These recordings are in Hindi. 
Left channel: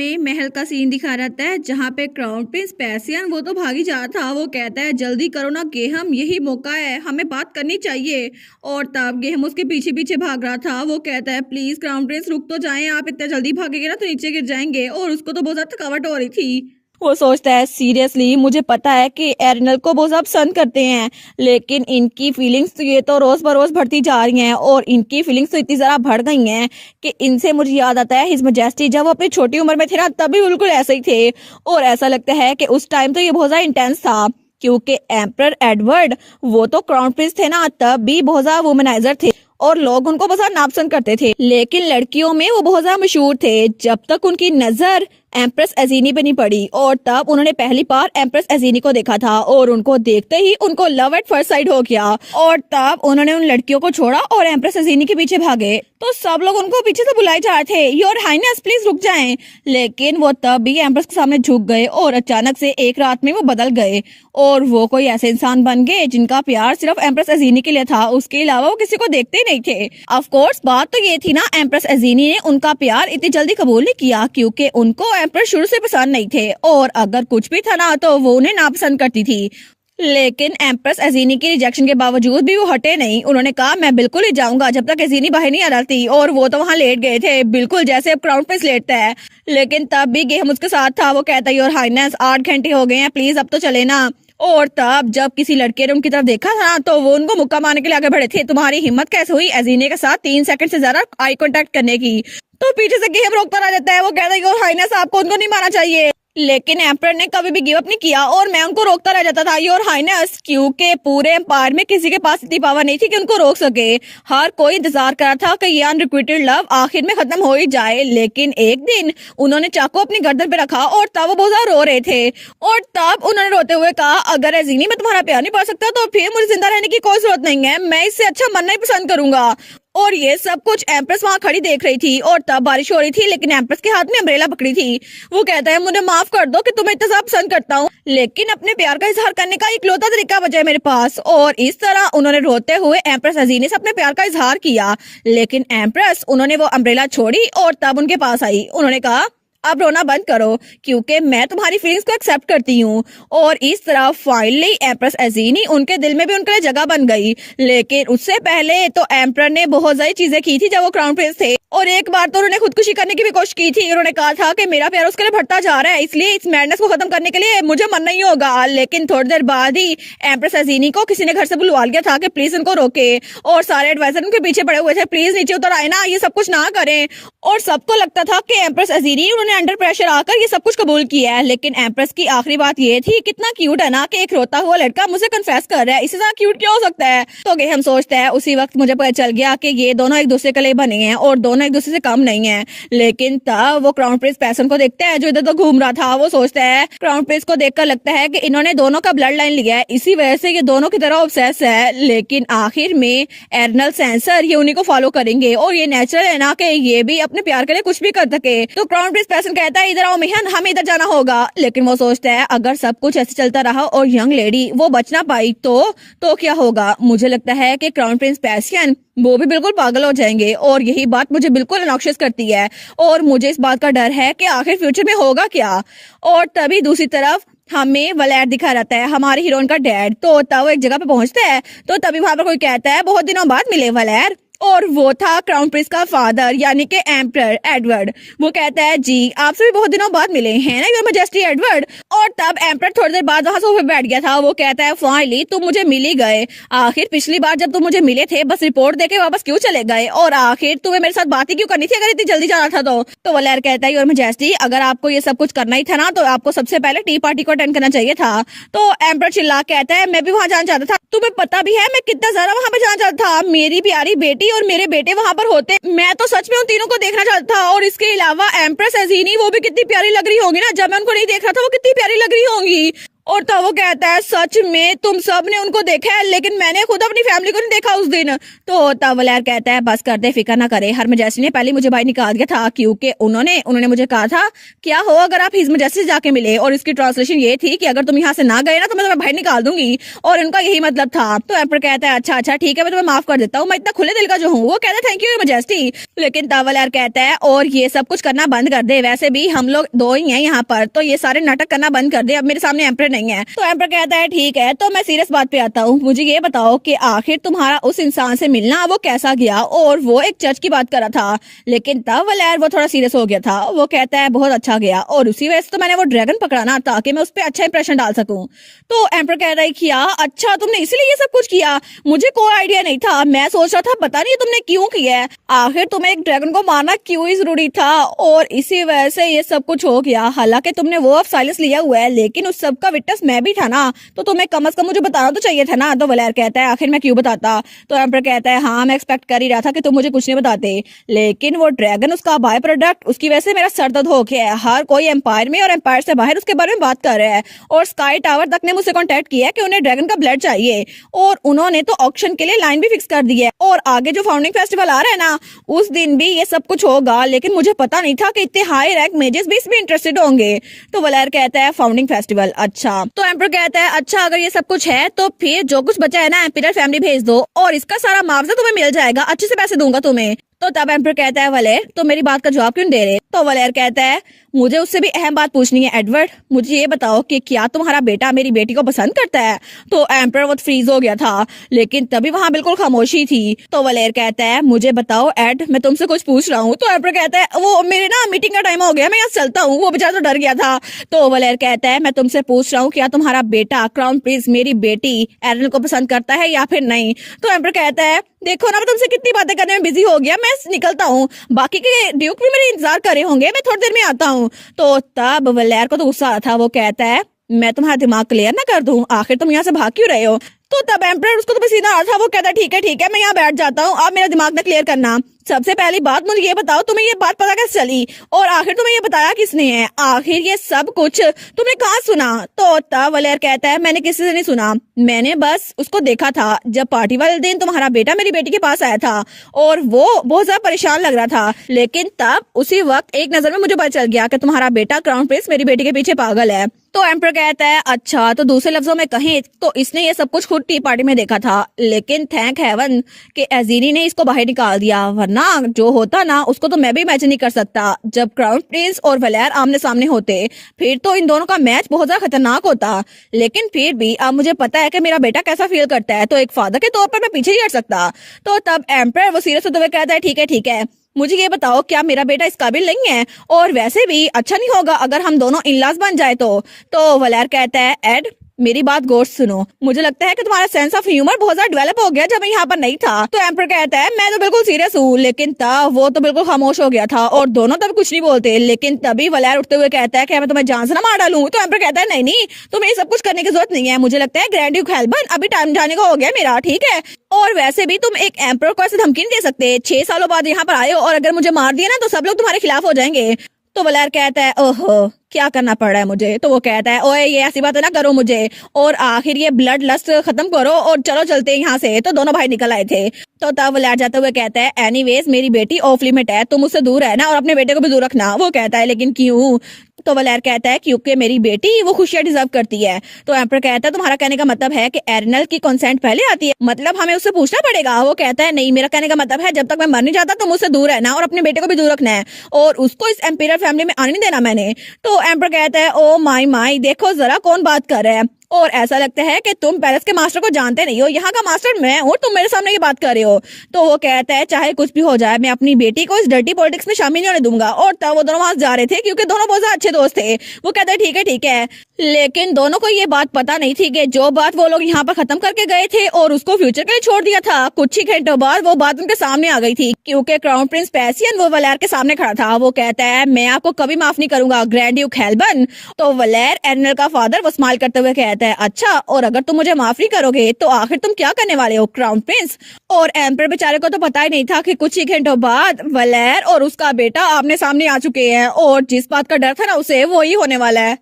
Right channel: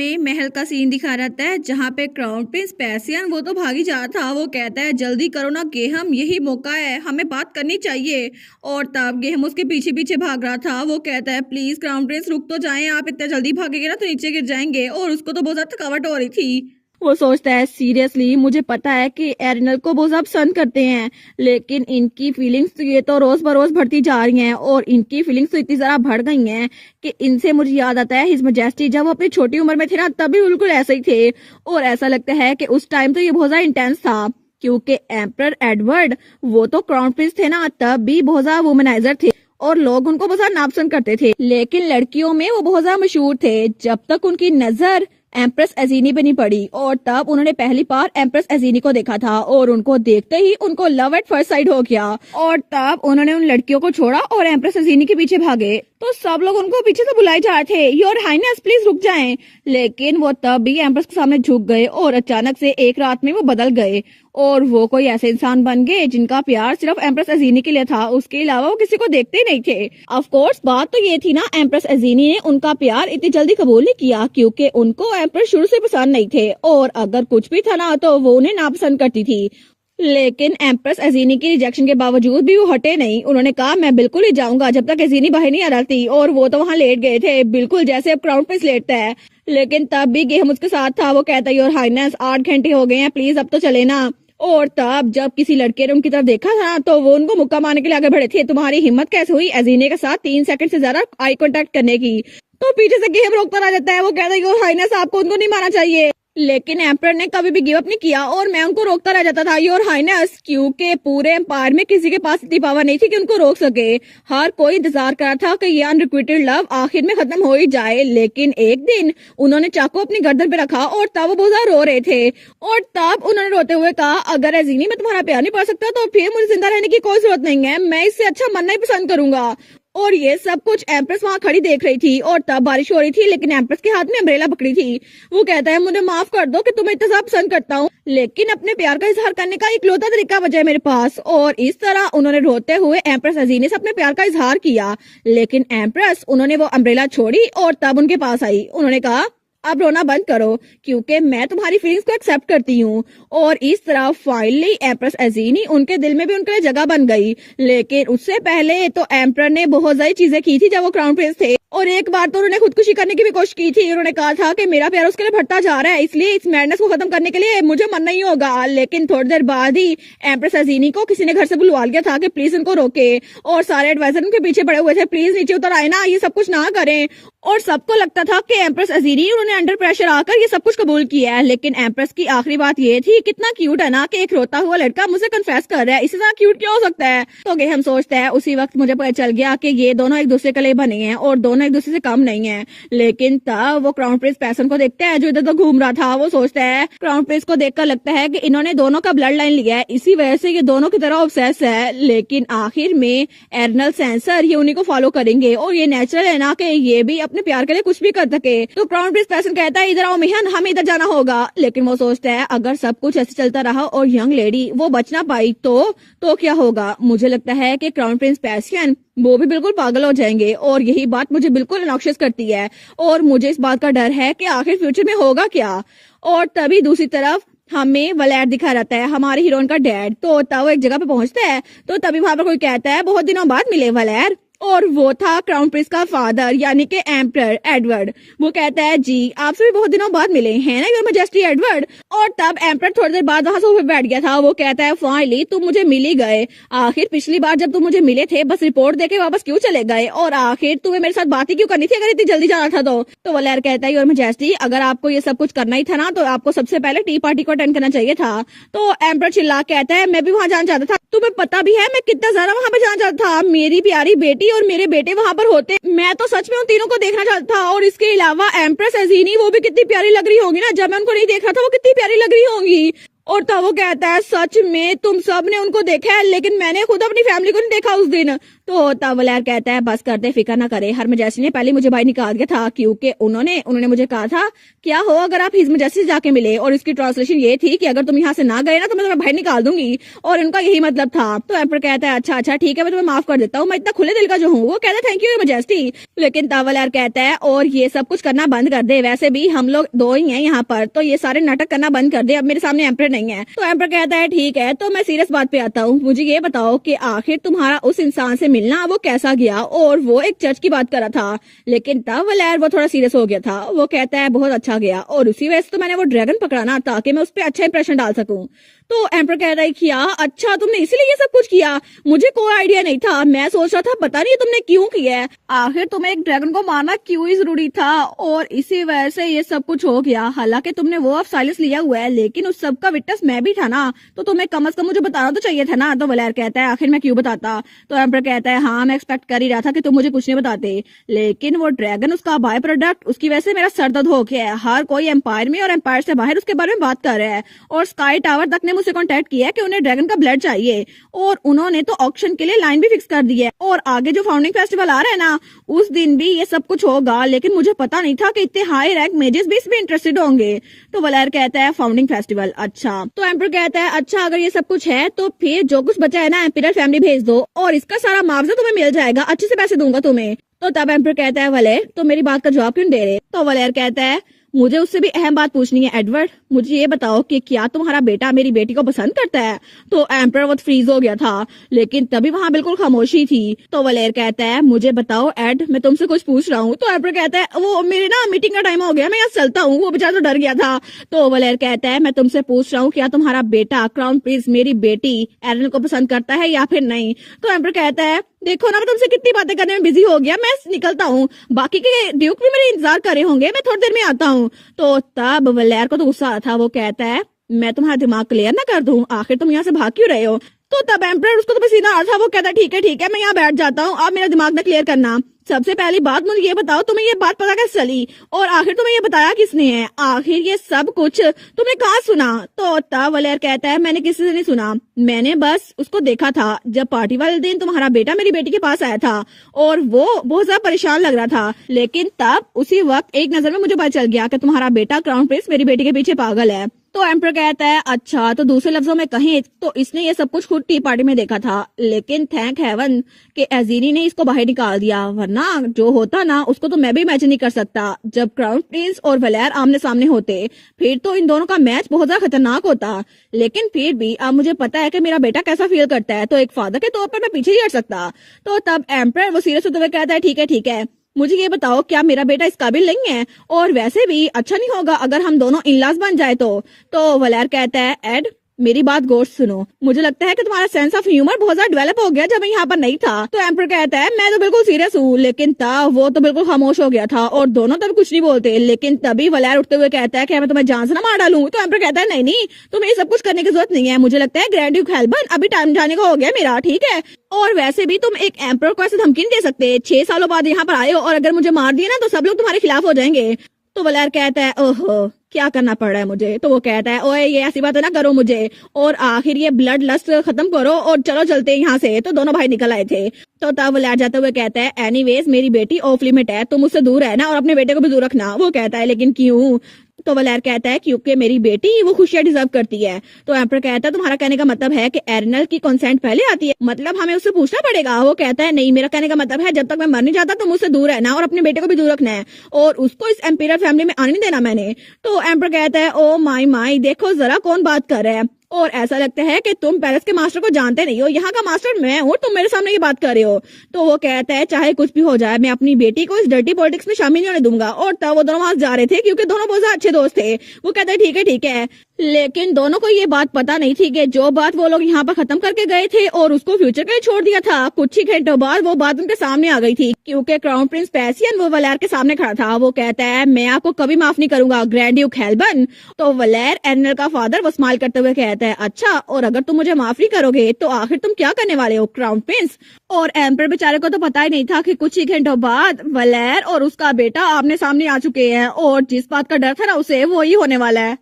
में महल का सीन दिखा रहता है जहाँ पे क्राउन प्रिंस पैसियन वो तो भागी जा रहा था। वो कहता है जल्दी करो ना गेहम, यही मौका है, हमें बात करनी चाहिए। और तब गेहम उसके पीछे पीछे भाग रहा था। वो कहता है प्लीज क्राउन प्रिंस रुक तो जाएं, आप इतना जल्दी भागेंगे ना तो नीचे गिर जाएंगे। और उसको तो बहुत ज्यादा थकावट हो रही थी। वो सोचता है सीरियसली मुझे पता है कि एरिनल को बहुत ज्यादा पसंद करते हैं, लेकिन इनकी फीलिंग्स तो ये तो रोज बरोज बढ़ती जा रही हैं। और इनकी फीलिंग्स तो इतनी ज्यादा बढ़ गई हैं कि इनसे मुझे याद आता है हिज मैजेस्टी जब वो अपनी छोटी उम्र में थे ना तब भी बिल्कुल ऐसे ही थे। और ऐसा लगता है कि उस टाइम तो ये बहुत ज्यादा इंटेंस था, क्योंकि एम्परर एडवर्ड वो तो क्राउन प्रिंस थे ना तब भी बहुत ज्यादा वुमनाइजर थे और लोग उनको बहुत ज्यादा नापसंद करते थे। लेकिन लड़कियों में वो बहुत ज्यादा मशहूर थे जब तक उनकी नजर एम्प्रेस एजीनी पे नहीं पड़ी। और तब उन्होंने पहली बार एम्प्रेस एजीनी को देखा था और उनको देखते ही उनको लव एट फर्स्ट साइट हो गया। और तब उन्होंने उन लड़कियों को छोड़ा और एम्प्रेस एजीनी के पीछे भागे। तो सब लोग उनको पीछे से बुलाए जा रहे थे, योर हाइनेस प्लीज रुक जाएं। लेकिन वो तब भी एम्प्रेस के सामने झुक गए और अचानक से एक रात में वो बदल गए और वो कोई ऐसे इंसान बन गए जिनका प्यार सिर्फ एम्प्रेस एजीनी के लिए था, उसके अलावा वो किसी को देखते ही नहीं थे। ऑफ कोर्स बात तो ये थी ना, एम्प्रेस एजीनी ने उनका प्यार इतनी जल्दी कबूल नहीं किया क्योंकि उनको एम्प्रेस शुरू से पसंद नहीं थे और अगर कुछ भी था ना तो वो उन्हें नापसंद करती थी। लेकिन एम्प्रेस एजीनी की रिजेक्शन के बावजूद भी वो हटे नहीं। उन्होंने कहा मैं बिल्कुल ही जाऊंगा जब तक एजीनी बाहर नहीं आ रही थी। और वो तो वहाँ लेट गए थे बिल्कुल जैसे अब क्राउन प्रिंस लेटता है। लेकिन तब भी गेहम उसके साथ था। वो कहता है योर हाइनेस 8 घंटे हो गए हैं, प्लीज अब तो चले ना। और तब जब किसी लड़के ने उनकी तरफ देखा था तो वो उनको मुक्का मारने के लिए आगे बढ़े थे। तुम्हारी हिम्मत कैसे हुई एजीनी के साथ 3 सेकंड से ज्यादा आई कांटेक्ट करने की? तो पीछे से गेहम रोकता रह जाता है। वो कहता है योर हाइनेस आपको उनको नहीं मारना चाहिए। लेकिन एम्परर ने कभी भी गिव अप नहीं किया और मैं उनको रोकता रह जाता था योर हाइनेस, क्योंकि पूरे एम्पायर में किसी के पास इतनी पावर नहीं थी कि उनको रोक सके। हर कोई इंतजार कर रहा था कि ये अनरिक्विटेड लव आखिर में खत्म हो ही जाए। लेकिन एक दिन उन्होंने चाकू अपनी गर्दन पे रखा और तब वो बहुत ज्यादा रो रहे थे। और तब उन्होंने रोते हुए कहा अगर एजीनी मैं तुम्हारा प्यार नहीं पा सकता तो फिर मुझे जिंदा रहने की कोई जरूरत नहीं है, मैं इससे अच्छा मरना ही पसंद करूंगा। और ये सब कुछ एम्प्रेस वहाँ खड़ी देख रही थी और तब बारिश हो रही थी, लेकिन एम्प्रेस के हाथ में अम्ब्रेला पकड़ी थी। वो कहता है मुझे माफ कर दो कि तुम्हें इतना ज्यादा पसंद करता हूँ, लेकिन अपने प्यार का इजहार करने का इकलौता तरीका बचा है मेरे पास। और इस तरह उन्होंने रोते हुए एम्प्रेस अजीनी से अपने प्यार का इजहार किया। लेकिन एम्प्रेस उन्होंने वो अम्ब्रेला छोड़ी और तब उनके पास आई। उन्होंने कहा अब रोना बंद करो क्योंकि मैं तुम्हारी फीलिंग्स को एक्सेप्ट करती हूँ। और इस तरह फाइनली एम्प्रेस एजीनी उनके दिल में भी उनके लिए जगह बन गई। लेकिन उससे पहले तो एम्परर ने बहुत सारी चीजें की थी जब वो क्राउन प्रिंस थे। और एक बार तो उन्होंने खुदकुशी करने की भी कोशिश की थी। उन्होंने कहा था कि मेरा प्यार उसके लिए बढ़ता जा रहा है, इसलिए इस मैडनेस को खत्म करने के लिए मुझे मरना ही होगा। लेकिन थोड़ी देर बाद ही एम्प्रेस एजीनी को किसी ने घर से बुलवा लिया था कि प्लीज उनको रोके। और सारे एडवाइजर उनके पीछे पड़े हुए थे, प्लीज नीचे उतर आए ना, ये सब कुछ ना करें। और सबको लगता था कि एम्प्रेस अजीनी उन्होंने अंडर प्रेशर आकर ये सब कुछ कबूल किया है। लेकिन एम्प्रेस की आखिरी बात ये थी कितना क्यूट है ना कि एक रोता हुआ लड़का मुझे कन्फेस कर रहा है, इससे ज्यादा क्यूट क्या हो सकता है। तो गेहम सोचता है उसी वक्त मुझे पता चल गया कि ये दोनों एक दूसरे के लिए बने हैं और दोनों एक दूसरे से कम नहीं है। लेकिन तब वो क्राउन प्रिंस पैसन को देखता है जो इधर तो घूम रहा था। वो सोचता है क्राउन प्रिंस को देखकर लगता है कि इन्होंने दोनों का ब्लड लाइन लिया है, इसी वजह से ये दोनों की तरह ऑब्सेस है। लेकिन आखिर में एर्नल सेंसर ये उन्हीं को फॉलो करेंगे और ये नेचुरल है ना कि ये भी अपने प्यार के लिए कुछ भी कर सके। तो क्राउन प्रिंस पैसन कहता है इधर आओ मिहन, हमें इधर जाना होगा। लेकिन वो सोचता है अगर सब कुछ ऐसे चलता रहा और यंग लेडी वो बच ना पाई तो क्या होगा। मुझे लगता है कि क्राउन प्रिंस पैसियन वो भी बिल्कुल पागल हो जाएंगे और यही बात मुझे बिल्कुल अनॉक्शियस करती है। और मुझे इस बात का डर है कि आखिर फ्यूचर में होगा क्या। और तभी दूसरी तरफ हमें वलैर दिखा रहता है, हमारी हीरोइन का डैड। तो तब वो एक जगह पे पहुंचता है तो तभी वहां पर कोई कहता है बहुत दिनों बाद मिले वलैर। और वो था क्राउन प्रिंस का फादर यानी कि एम्परर एडवर्ड। वो कहता है जी आपसे भी बहुत दिनों बाद मिले हैं ना योर मैजेस्टी एडवर्ड। और तब एम्परर थोड़ी देर बाद वहां सोफे बैठ गया था। वो कहता है फाइनली तुम मुझे मिल ही गए। आखिर पिछली बार जब तुम मुझे मिले थे बस रिपोर्ट देके वापस क्यों चले गए और आखिर तुम्हें मेरे साथ बात ही क्यों करनी थी अगर इतनी जल्दी जाना था तो वलैर कहता है योर मैजेस्टी अगर आपको ये सब कुछ करना ही था ना तो आपको सबसे पहले टी पार्टी को अटेंड करना चाहिए था। तो एम्परर चिल्ला कहता है मैं भी वहां जाना चाहता था, तुम्हें पता भी है मैं कितना ज्यादा वहां पे जाना चाहता था। मेरी प्यारी बेटी और मेरे बेटे वहां पर होते, मैं तो सच में उन तीनों को देखना चाहता था। और इसके अलावा एम्प्रेस एजीनी वो भी कितनी प्यारी लग रही होंगी ना, जब मैं उनको नहीं देख रहा था वो कितनी प्यारी लग रही होंगी। और तब वो कहता है सच में तुम सब ने उनको देखा है लेकिन मैंने खुद अपनी फैमिली को नहीं देखा उस दिन। तो तब वलैर कहता है बस कर दे, फिक्र ना करे, हर मजैसी ने पहले मुझे बाहर निकाल दिया था क्योंकि उन्होंने उन्होंने मुझे कहा था क्या हो अगर आप हिज मजैसी से जाके मिले, और इसकी ट्रांसलेशन ये थी कि अगर तुम यहाँ से ना गए ना तो मैं तुम्हें बाहर निकाल दूंगी, और उनका यही मतलब था। तो एम्पर कहता है अच्छा अच्छा ठीक है, मैं तुम्हें माफ कर देता हूँ, मैं इतना खुले दिल का जो हूँ। वो कहता है थैंक यू मजेस्टी। लेकिन तब वलैर कहता है और ये सब कुछ करना बंद कर दे, वैसे भी हम लोग दो ही हैं यहाँ पर, तो ये सारे नाटक करना बंद कर दे, अब मेरे सामने एम्पर नहीं है। तो एम्पर कहता है ठीक है, तो मैं सीरियस बात पे आता हूँ, मुझे ये बताओ कि आखिर तुम्हारा उस इंसान से मिलना वो कैसा गया, और वो एक चर्च की बात कर रहा था। लेकिन तब वलैर वो थोड़ा सीरियस हो गया था, वो कहता है बहुत अच्छा गया, और उसी वजह से तो मैंने वो ड्रैगन पकड़ाना ताकि मैं उस पर अच्छा इंप्रेशन डाल सकूं। तो एम्पर कह रहा है क्या अच्छा तुमने इसीलिए ये सब कुछ किया, मुझे कोई आइडिया नहीं था, मैं सोच रहा था पता नहीं तुमने क्यों किया है, आखिर तुम्हें एक ड्रैगन को मारना क्यों ही जरूरी था, और इसी वजह से ये सब कुछ हो गया। हालांकि तुमने वो ऑफ साइलेंस लिया हुआ है लेकिन उस सब का विटनेस मैं भी था ना, तो तुम्हें कम से कम मुझे बताना तो चाहिए था ना। तो वलैर कहता है आखिर मैं क्यों बताता। तो एम्पर कहता है हाँ मैं एक्सपेक्ट कर ही रहा था कि तुम मुझे कुछ नहीं बताते, लेकिन वो ड्रैगन उसका बाय प्रोडक्ट, उसकी वजह से मेरा सर दर्द हो गया है। हर कोई एम्पायर में और एम्पायर से बाहर उसके बारे में बात कर रहा है, और स्काई टावर तक ने मुझसे कॉन्टेक्ट किया कि उन्हें ड्रैगन का ब्लड चाहिए, और उन्होंने तो ऑक्शन के लिए लाइन भी फिक्स कर दी है, और आगे जो फाउंडिंग फेस्टिवल आ रहा है ना उस दिन भी ये सब कुछ होगा, लेकिन मुझे पता नहीं था कि इतने हाई रैंक मेजेस भी इसमें इंटरेस्टेड होंगे। तो वलैर कहता है फाउंडिंग फेस्टिवल, अच्छा। तो एम्पर कहता है अच्छा अगर ये सब कुछ है तो फिर जो कुछ बचा है ना एम्पिरल फैमिली भेज दो, और इसका सारा मुआवजा तुम्हें मिल जाएगा, अच्छे से पैसे दूंगा तुम्हें। तो तब एम्पर कहता है वलेर तो मेरी बात का जवाब क्यों दे रहे। तो वलेर कहता है मुझे उससे भी अहम बात पूछनी है एडवर्ड, मुझे ये बताओ कि क्या तुम्हारा बेटा मेरी बेटी को पसंद करता है। तो एम्पर वो फ्रीज हो गया था, लेकिन तभी वहाँ बिल्कुल खामोशी थी। तो वलेर कहता है मुझे बताओ एड, मैं तुमसे कुछ पूछ रहा हूँ। तो एम्पर कहता है वो मेरे ना मीटिंग का टाइम हो गया, मैं यहाँ चलता हूँ। वो बेचारा तो डर गया था। तो वलेर कहता है मैं तुमसे पूछ रहा हूँ क्या तुम्हारा बेटा क्राउन प्रिंस मेरी बेटी एरन को पसंद करता है या फिर नहीं। तो एम्पर कहता है देखो ना मैं तुमसे कितनी बातें करने में बिजी हो गया, मैं निकलता हूँ, बाकी के ड्यूक भी मेरे इंतजार कर रहे होंगे, मैं थोड़ी देर में आता हूँ। तो तब वलेर को तो गुस्सा आ था, वो कहता है मैं तुम्हारा दिमाग क्लियर ना कर दूं, आखिर तुम यहाँ से भाग क्यों रहे हो। तो तब एम्परर उसको तो पसीना आ रहा था, वो कहता ठीक है मैं यहाँ बैठ जाता हूँ, आप मेरा दिमाग में क्लियर करना। सबसे पहली बात मुझे ये बताओ तुम्हें ये बात पता कैसे चली, और आखिर तुम्हें ये बताया किसने है, आखिर ये सब कुछ तुमने कहाँ सुना। तो तब वलेर कहता है मैंने किसी से नहीं सुना, मैंने बस उसको देखा था जब पार्टी वाले दिन तुम्हारा बेटा मेरी बेटी के पास आया था, और वो बहुत ज्यादा परेशान लग रहा था, लेकिन तब उसी वक्त एक नजर में मुझे पता चल गया कि तुम्हारा बेटा क्राउन प्रिंस मेरी बेटी के पीछे पागल है। तो एम्पर कहता है अच्छा, तो दूसरे लफ्जों में कहें तो इसने ये सब कुछ खुद टी पार्टी में देखा था, लेकिन थैंक हेवन कि अजीरी ने इसको बाहर निकाल दिया, वरना जो होता ना उसको तो मैं भी इमेजिन नहीं कर सकता। जब क्राउन प्रिंस और वलेर आमने सामने होते फिर तो इन दोनों का मैच बहुत ज्यादा खतरनाक होता, लेकिन फिर भी अब मुझे पता है कि मेरा बेटा कैसा फील करता है, तो एक फादर के तौर पर मैं पीछे नहीं हट सकता। तो तब एम्पर वो सीरियस होते हुए कहता है ठीक है, मुझे ये बताओ क्या मेरा बेटा इस काबिल नहीं है, और वैसे भी अच्छा नहीं होगा अगर हम दोनों इनलाज बन जाए तो वलेर कहता है एड मेरी बात गौर से सुनो, मुझे लगता है कि तुम्हारा सेंस ऑफ ह्यूमर बहुत ज्यादा डेवलप हो गया जब मैं यहाँ पर नहीं था। तो एम्पर कहता है मैं तो बिल्कुल सीरियस हूँ, लेकिन तब वो तो बिल्कुल खामोश हो गया था और दोनों तब कुछ नहीं बोलते। लेकिन तभी वलेर उठते हुए कहता है कि मैं तुम्हें जान से ना मार डालूं। तो एम्पर कहता है नहीं तुम्हें ये सब कुछ करने की जरूरत नहीं है, मुझे लगता है ग्रैंड ड्यूक हेल्बर्न अभी टाइम जाने का हो गया मेरा, ठीक है, और वैसे भी तुम एक एम्पर को ऐसे धमकी नहीं दे सकते, 6 सालों बाद यहाँ पर आए हो और अगर मुझे मार दिया ना तो सब लोग तुम्हारे खिलाफ हो जाएंगे। तो वलेर कहता है ओहो क्या करना पड़ रहा है मुझे। तो वो कहता है ओए ये ऐसी बातें ना करो मुझे, और आखिर ये ब्लड लस्ट खत्म करो और चलो चलते हैं यहाँ से। तो दोनों भाई निकल आए थे। तो तब वलेर जाते हुए कहता है एनीवेज मेरी बेटी ऑफ लिमिट है, तुम उससे दूर रहना और अपने बेटे को भी दूर रखना। वो कहता है लेकिन क्यों। तो वलेर कहता है क्योंकि मेरी बेटी वो खुशियां डिजर्व करती है। तो एम्पर कहता है तुम्हारा कहने का मतलब है कि एरनल की कंसेंट पहले आती है, मतलब हमें उससे पूछना पड़ेगा। वो कहता है नहीं मेरा कहने का मतलब है जब तक मैं मर नहीं जाता तुम उससे दूर रहना और अपने बेटे को भी दूर रखना है, और उसको इस एम्पियर फैमिली में आने नहीं देना मैंने। तो एम्पर कहता है ओ माई देखो जरा कौन बात कर रहा है, और ऐसा लगता है कि तुम पैलेस के मास्टर को जानते नहीं हो, यहाँ का मास्टर मैं हूँ, तुम मेरे सामने ये बात कर रहे हो। तो वो कहता है चाहे कुछ भी हो जाए मैं अपनी बेटी को इस डर्टी पॉलिटिक्स में शामिल नहीं होने दूंगा। और तब वो दोनों वहां जा रहे थे क्योंकि दोनों बहुत अच्छे दोस्त थे। वो कहते हैं ठीक है, लेकिन दोनों को ये बात पता नहीं थी कि जो बात वो लोग यहाँ पर खत्म करके गए थे और उसको फ्यूचर के लिए छोड़ दिया था, कुछ ही घंटों बाद वो बात उनके सामने आ गई थी क्योंकि क्राउन प्रिंस पैसियन वो वलेर के सामने खड़ा था। वो कहता है मैं आपको कभी माफ नहीं करूंगा ग्रैंड ड्यूक हेल्बर्न। तो वलेर एरनल का फादर वो स्माइल करते हुए कहता है अच्छा, और अगर तुम मुझे माफ नहीं करोगे तो आखिर तुम क्या करने वाले हो क्राउन प्रिंस। और एम्पर बेचारे को तो पता ही नहीं था कि कुछ ही घंटों बाद वलेर और उसका बेटा आमने सामने आ चुके हैं, और जिस बात का डर था ना उसे वो ही होने वाला है।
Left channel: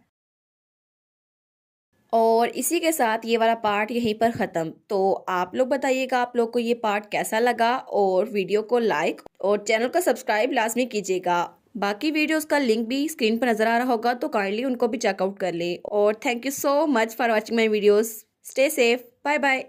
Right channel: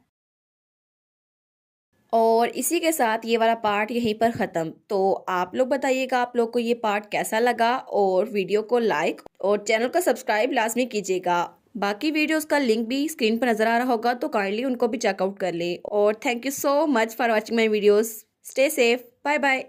और इसी के साथ ये वाला पार्ट यहीं पर ख़त्म। तो आप लोग बताइएगा आप लोग को ये पार्ट कैसा लगा, और वीडियो को लाइक और चैनल को सब्सक्राइब लाजमी कीजिएगा। बाकी वीडियोस का लिंक भी स्क्रीन पर नज़र आ रहा होगा, तो काइंडली उनको भी चेकआउट कर लें। और thank you so much for watching my videos. Stay safe, bye bye.